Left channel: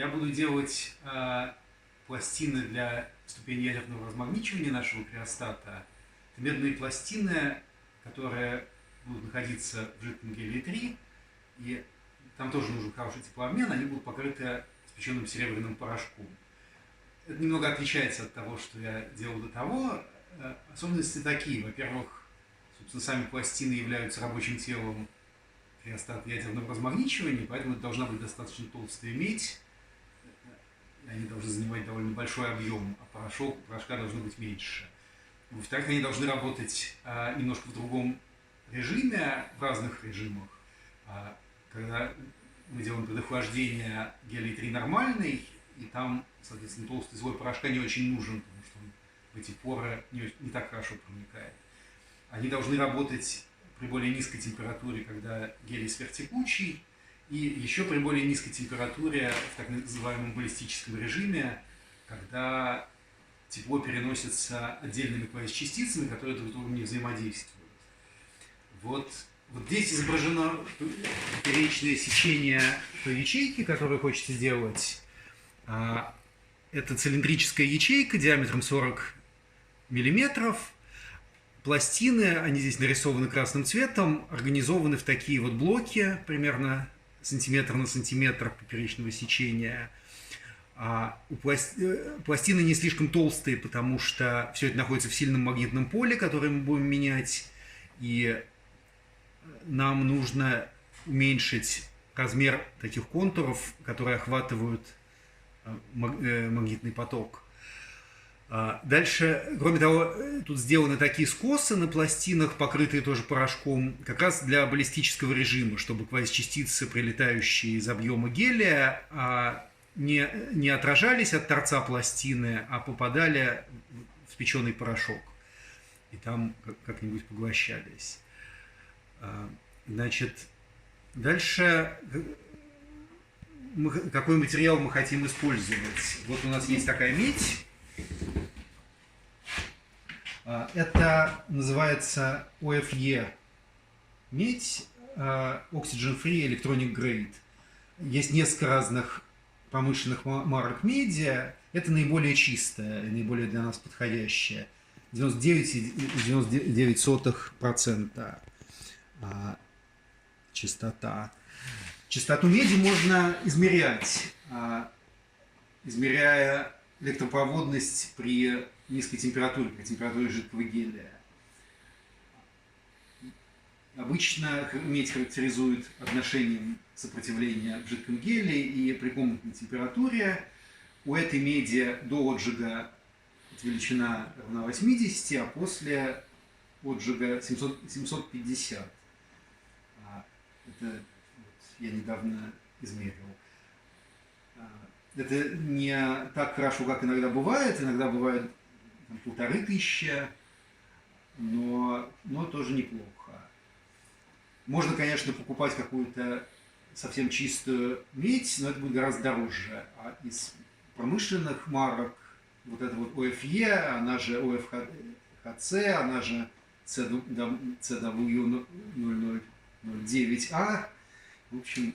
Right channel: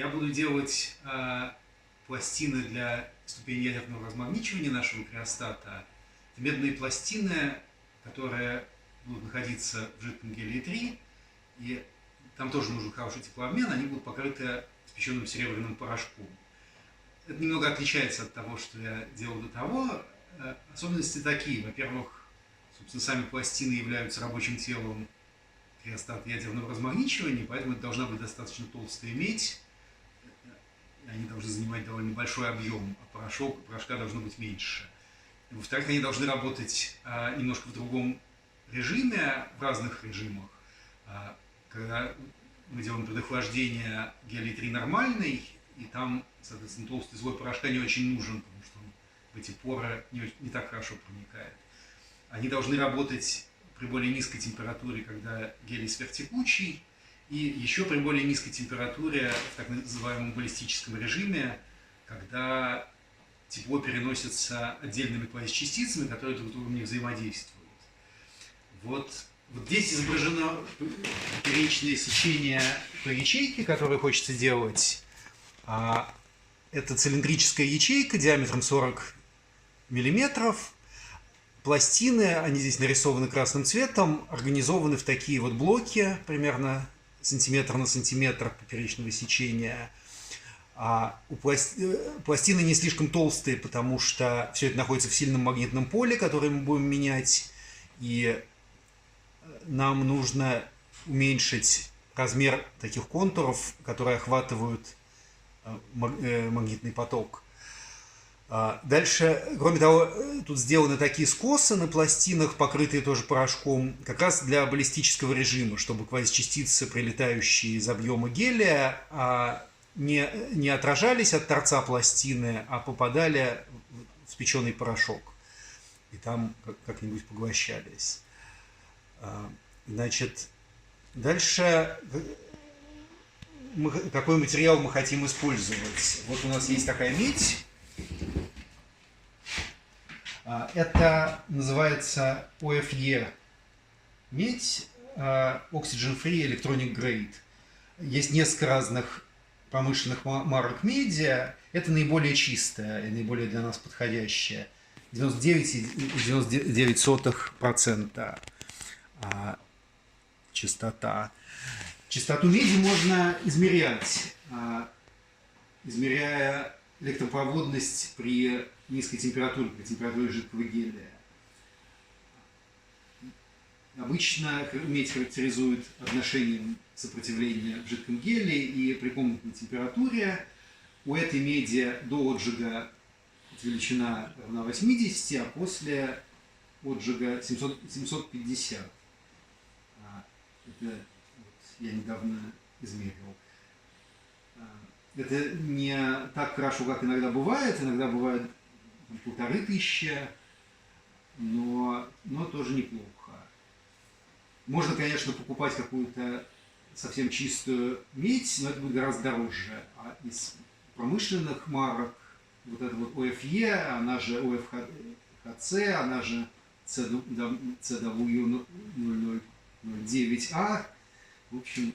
Я буду делать пластины для ступени ядерного размагничивания нашего криостата. Это медные пластины, которые будут находиться в жидком гелии-3, и там тоже нужен хороший теплообмен, они будут покрыты спеченным серебряным порошком. Это немного отличается от того, что я делал до того. Особенности такие. Во-первых, собственно, сами пластины являются рабочим телом криостата ядерного размагничивания, поэтому это должна быть достаточно толстая медь, они должны занимать довольно большой объем, а порошка должно быть меньше. Во-вторых, они должны работать немножко в другом режиме, в разных режимах. Когда мы делаем предохлаждение гелий-3 нормальный, и там, соответственно, толстый слой порошка не очень нужен, потому что он в эти поры не так хорошо проникает. Они должны работать при более низкой температуре, когда гелий сверхтекучий, и еще при более низкой температуре в так называемом баллистическом режиме, когда тепло переносится отдельными квазичастицами, которые друг с другом не взаимодействуют. Вот здесь изображено поперечное сечение по ячейке, которое хочется делать. Это цилиндрическая ячейка диаметром 40 миллиметров. Пластины, они здесь нарисованы красным цветом, организованы в такие вот блоки, примерно сантиметр на сантиметр поперечного сечения. Пластины не слишком толстые, потому что все это находится в сильном магнитном поле, которое мы будем менять, и нам нужно уменьшить размер таких контуров, которые охватывают магнитный поток. Дальше, кроме того, тут сделаны такие скосы на пластинах, покрытые тоже порошком, как раз для баллистического режима, чтобы квазичастицы, прилетающие из объема гелия, не отражались от торца пластины, а попадали в спеченный порошок. И там как-нибудь поглощались. Значит, дальше какой материал мы хотим использовать? Вот у нас есть такая медь. Это называется OFE медь, Oxygen Free Electronic Grade. Есть несколько разных промышленных марок меди. Это наиболее чистая и наиболее для нас подходящая. 99,99% чистота. Чистоту меди можно измерять, измеряя электропроводность при низкой температуре, при температуре жидкого гелия. Обычно медь характеризует отношением сопротивления в жидком гелии и при комнатной температуре. У этой меди до отжига величина равна 80, а после отжига 750. Это я недавно измерил. Это не так хорошо, как иногда бывает. Иногда бывает 1500, но тоже неплохо. Можно, конечно, покупать какую-то совсем чистую медь, но это будет гораздо дороже. А из промышленных марок вот это вот OFE, она же OFHC, она же CW0009A, в общем,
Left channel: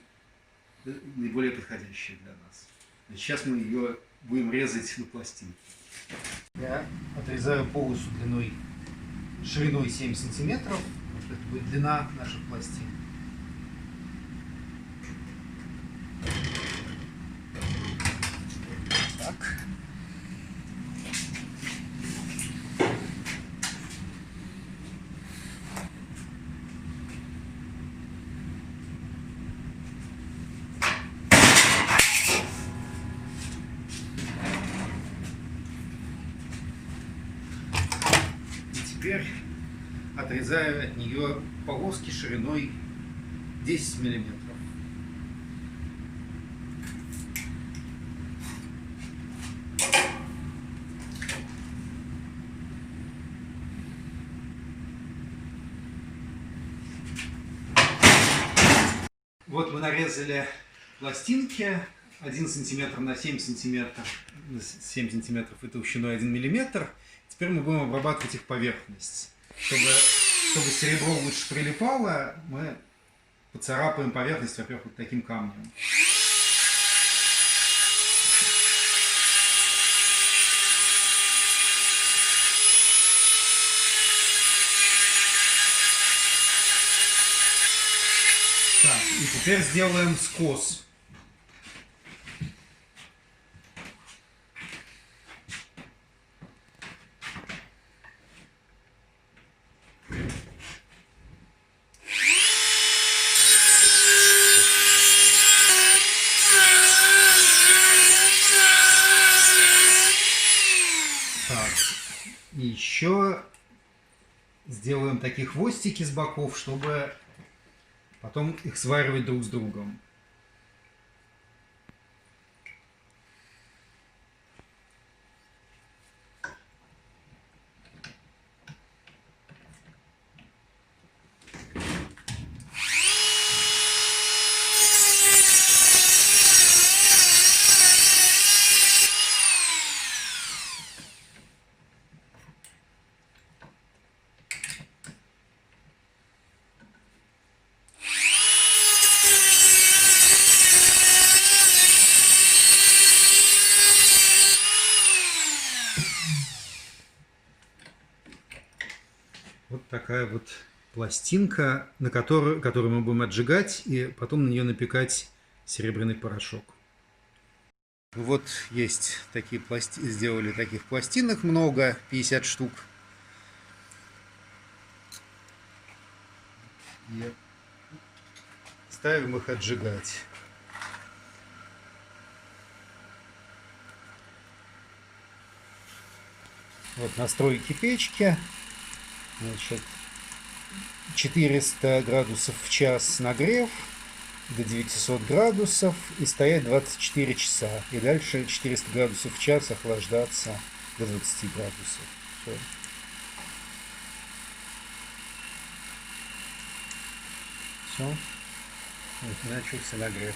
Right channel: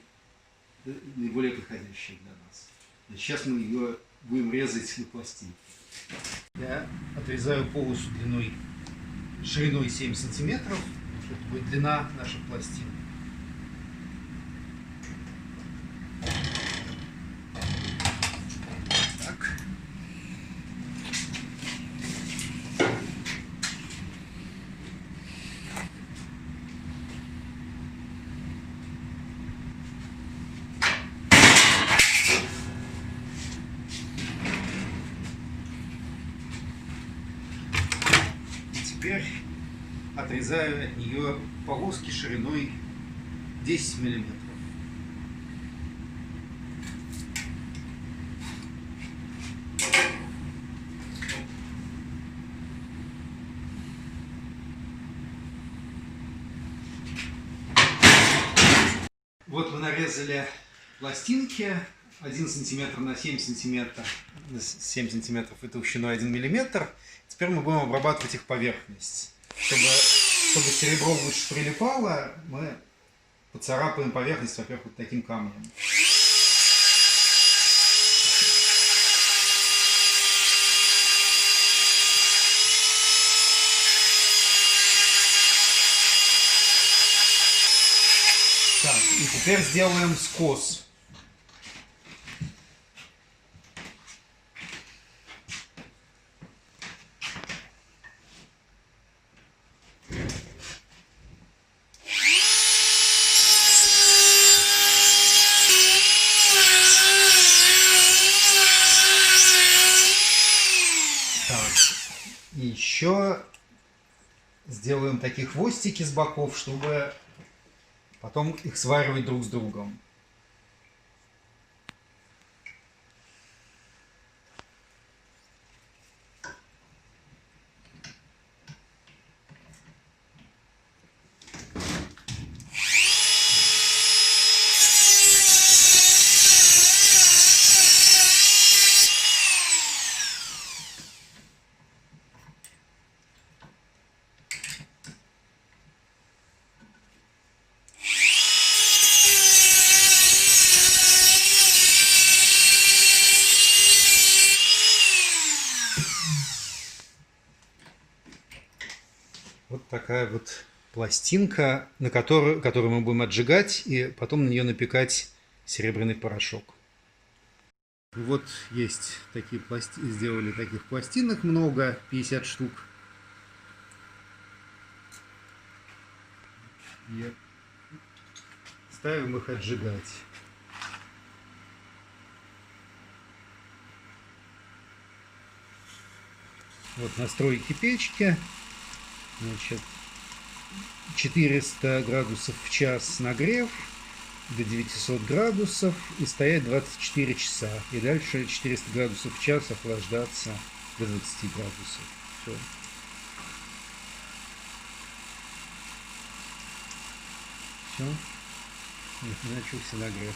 наиболее подходящая для нас. Сейчас мы ее будем резать на пластинки. Я отрезаю полосу шириной 7 сантиметров. Это будет длина наших пластин. Так. Теперь отрезаю от нее полоски шириной 10 миллиметров. Вот мы нарезали пластинки 1 сантиметр на 7 сантиметров, 7 сантиметров и толщиной 1 миллиметр. Теперь мы будем обрабатывать их поверхность. Чтобы серебро лучше прилипало, мы поцарапаем поверхность, во-первых, вот таким камнем. Теперь сделаем скос. И еще сделаем такие хвостики с боков, чтобы потом их сваривать друг с другом. Вот такая вот пластинка, которую мы будем отжигать и потом на нее напекать серебряный порошок. Вот есть такие сделали таких пластинок много, 50 штук. И ставим их отжигать. Вот настройки печки. Значит, 400 градусов в час нагрев до 900 градусов и стоять 24 часа. И дальше 400 градусов в час охлаждаться до 20 градусов. Все. Все. Вот, начался нагрев.